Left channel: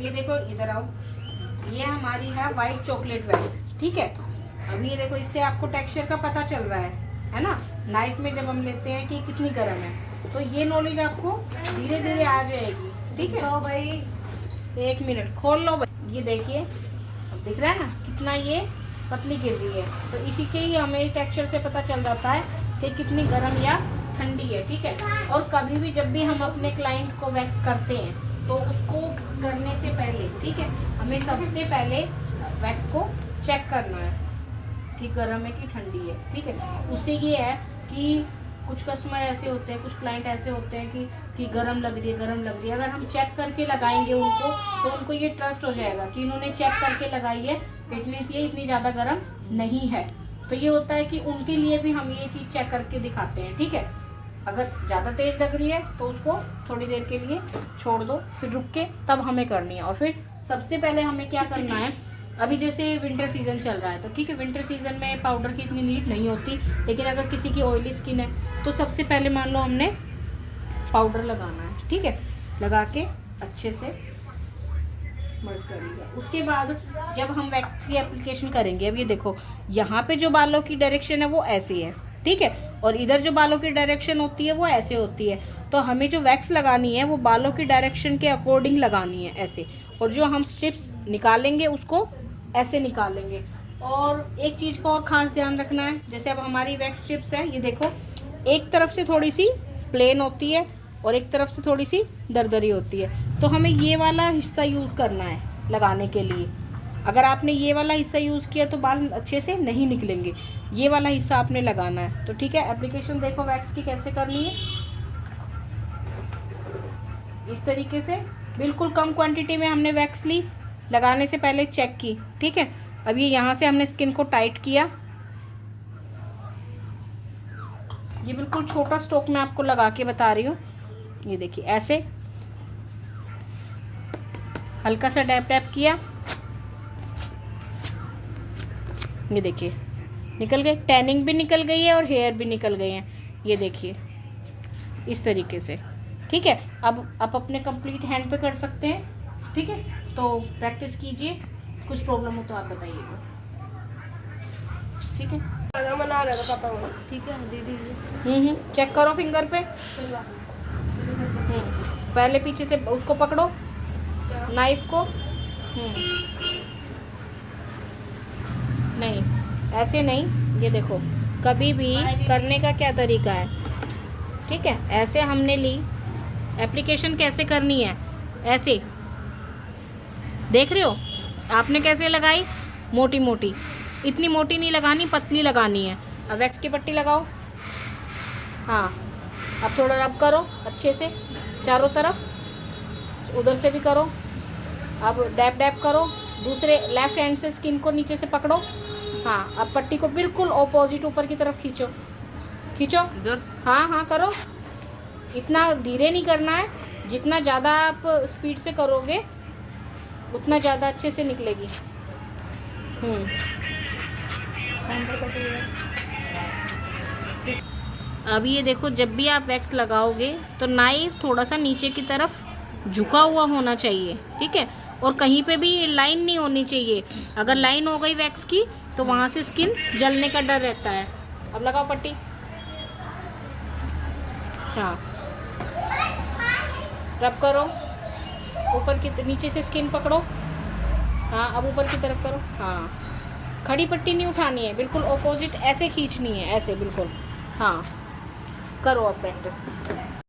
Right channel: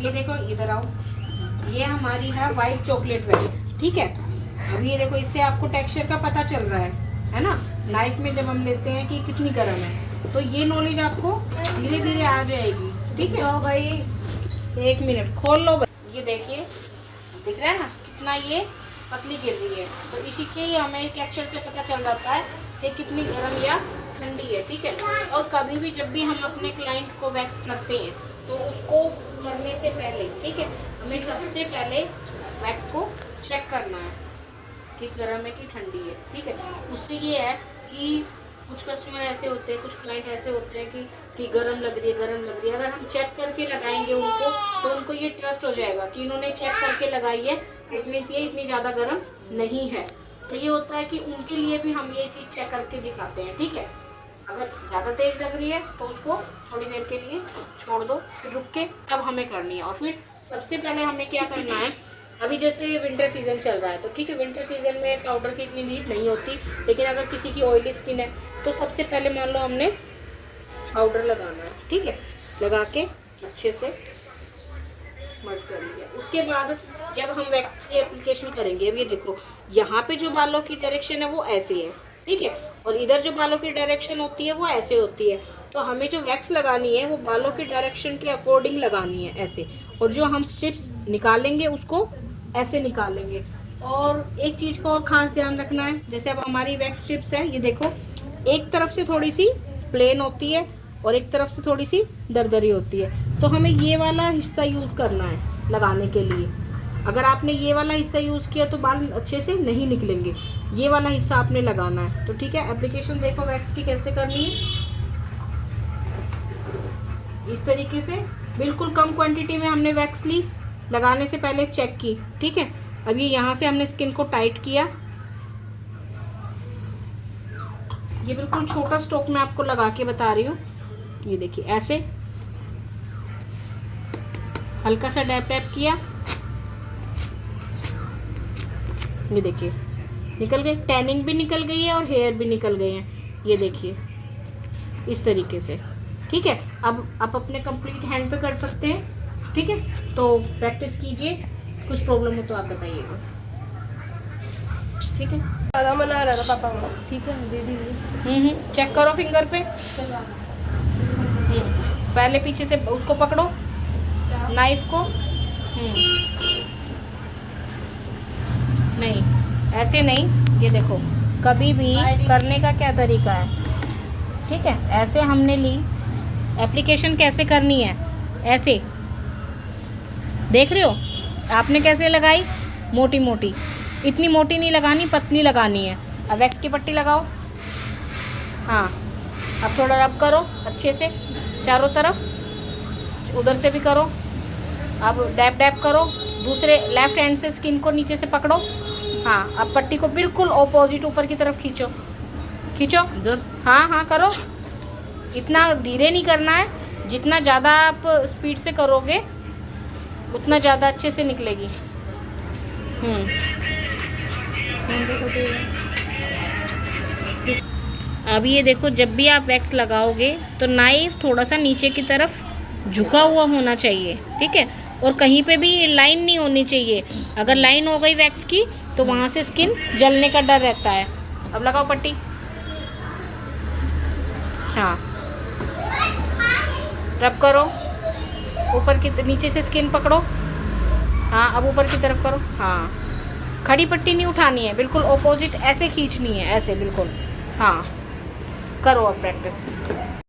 अब ये देखो, इधर आओ, ये हमारी है वाइट चॉकलेट वैक्स, ठीक है। अब ये देखो, इससे आपको टेक्सचर का पता चल रहा है ना, नाइफ में जब हम लेते हैं कि कितनी गर्म है, तो ये नॉलेज आपको धीरे धीरे आ जाएगी, ठीक है। तो भाई 1 मिनट खोल लो, ये देखिए दिख रहा है ना कितना ये पतली गिर रही है, तो इसी के ही हमें टेक्सचर से पता चल जाता है कि कितनी गर्म या ठंडी है, ठीक है। और कभी भी जब भी हम अपने क्लाइंट को वैक्स करते हैं तो उसको करने से पहले, ठीक है, हमें सबसे पहले वैक्स को चेक करना है कि गर्म है कि ठंडी है, ठीक है। उससे ये है कि कुछ कस्टमर ऐसे होते हैं, कुछ क्लाइंट ऐसे होते हैं कि गर्म लग रही है, गर्म लग रही है। अगर हम चेक करके लगाएंगे उनको, तो उनको ये ट्रस्ट हो जाएगा कि इन्होंने चेक करके लगाई है, इट मीन्स ये इतनी ज़्यादा गर्म नहीं है। तो ये होता है कि उनके लिए भी हम ये चीज़ चेक करके दिखाते हैं, ठीक है। अगर ज़्यादा तेज़ लग रही है तो उसको थोड़ी देर के लिए छोड़ दो, फिर रुक के तब हमें करनी है। और फिर सबसे पहले हमें क्या करना है, अभी जैसे ये विंटर सीजन चल रहा है, तो ठीक है, विंटर सीजन में पाउडर की इतनी नीड नहीं होती, लेकिन अगर किसी की ऑयली स्किन है तो सबसे पहले मान लो हमने पाउडर लगाना है, ठीक है, लगा के अच्छे से मर्ज कर लिया। उसके बाद जब हम वैक्स की एप्लीकेशन करेंगे, अब ये देखो, यहाँ पे जो बालों की डायरेक्शन है वो ऐसी है, ठीक है, और इधर जो बालों की डायरेक्शन होती है वो ऐसे होती है। तो हमें जो वैक्स लगानी है वो बालों की डायरेक्शन के अकॉर्डिंग लगानी है, ऐसे। और जो हम स्ट्रिप्स निकालेंगे उसको ऐसे निकालेंगे। और एक चीज़ को और ख़ास ध्यान रखना है, जैसे अब हमारी वैक्स स्ट्रिप्स है, ये देखो, एक तरफ से थोड़ी सी प्लेन होती है और एक तरफ से थोड़ी सी दरदरी होती है। तो हमें ये वाला हिस्सा यूज़ करना है लगाने के लिए। अगर आपने ये वाला हिस्सा यूज़ किया तो बाल अच्छे से नहीं निकलेंगे, ये वाला हिस्सा आपने लगाना है। तो ठीक है, एप्लीकेशन देखो वैक्स की कैसे करनी है, इस तरीके से बिल्कुल कम क्वांटिटी में हमने वैक्स ली, लगाने से पहले चेक की, ठीक है। अब ये यहाँ से हमने स्किन को टाइट किया, ये बिल्कुल छोटा स्ट्रोक में आपको लगा के बता रही हूँ, ये देखिए ऐसे हल्का सा डैप डैप किया, ये देखिए निकल गए, टैनिंग भी निकल गई है और हेयर भी निकल गए हैं, ये देखिए इस तरीके से, ठीक है। अब आप अपने कंप्लीट हैंड पे कर सकते हैं, ठीक है। तो प्रैक्टिस कीजिए, कुछ प्रॉब्लम हो तो आप बताइएगा, ठीक है। ज़्यादा मना रहा था पापा, ठीक है दे दीजिए। चेक करो फिंगर पे, पहले पीछे से उसको पकड़ो नाइफ को, नहीं ऐसे नहीं, ये देखो कभी भी करने का क्या तरीका है, ठीक है। ऐसे हमने ली, एप्लीकेशन कैसे करनी है, ऐसे देख रहे हो आपने कैसे लगाई, मोटी मोटी, इतनी मोटी नहीं लगानी, पतली लगानी है। अब वैक्स की पट्टी लगाओ, हाँ, अब थोड़ा रब करो अच्छे से चारों तरफ, उधर से भी करो, अब डैप डैप करो, दूसरे लेफ्ट हैंड से स्किन को नीचे से पकड़ो, हाँ, अब पट्टी को बिल्कुल ऑपोजिट ऊपर की तरफ खींचो, खींचो, हाँ हाँ करो, इतना धीरे नहीं करना है, जितना ज़्यादा आप स्पीड से करोगे उतना ज़्यादा अच्छे से निकलेगी। अब ये देखो, जब भी आप वैक्स लगाओगे तो नाइफ थोड़ा सा नीचे की तरफ झुका हुआ होना चाहिए, ठीक है। और कहीं पे भी लाइन नहीं होनी चाहिए, अगर लाइन हो गई वैक्स की तो वहाँ से स्किन जलने का डर रहता है। अब लगाओ पट्टी, हाँ, रब करो, ऊपर की नीचे से स्किन पकड़ो, हाँ, अब ऊपर की तरफ करो, हाँ, खड़ी पट्टी नहीं उठानी है, बिल्कुल ऑपोजिट ऐसे खींचनी है, ऐसे बिल्कुल, हाँ, करो अब प्रैक्टिस।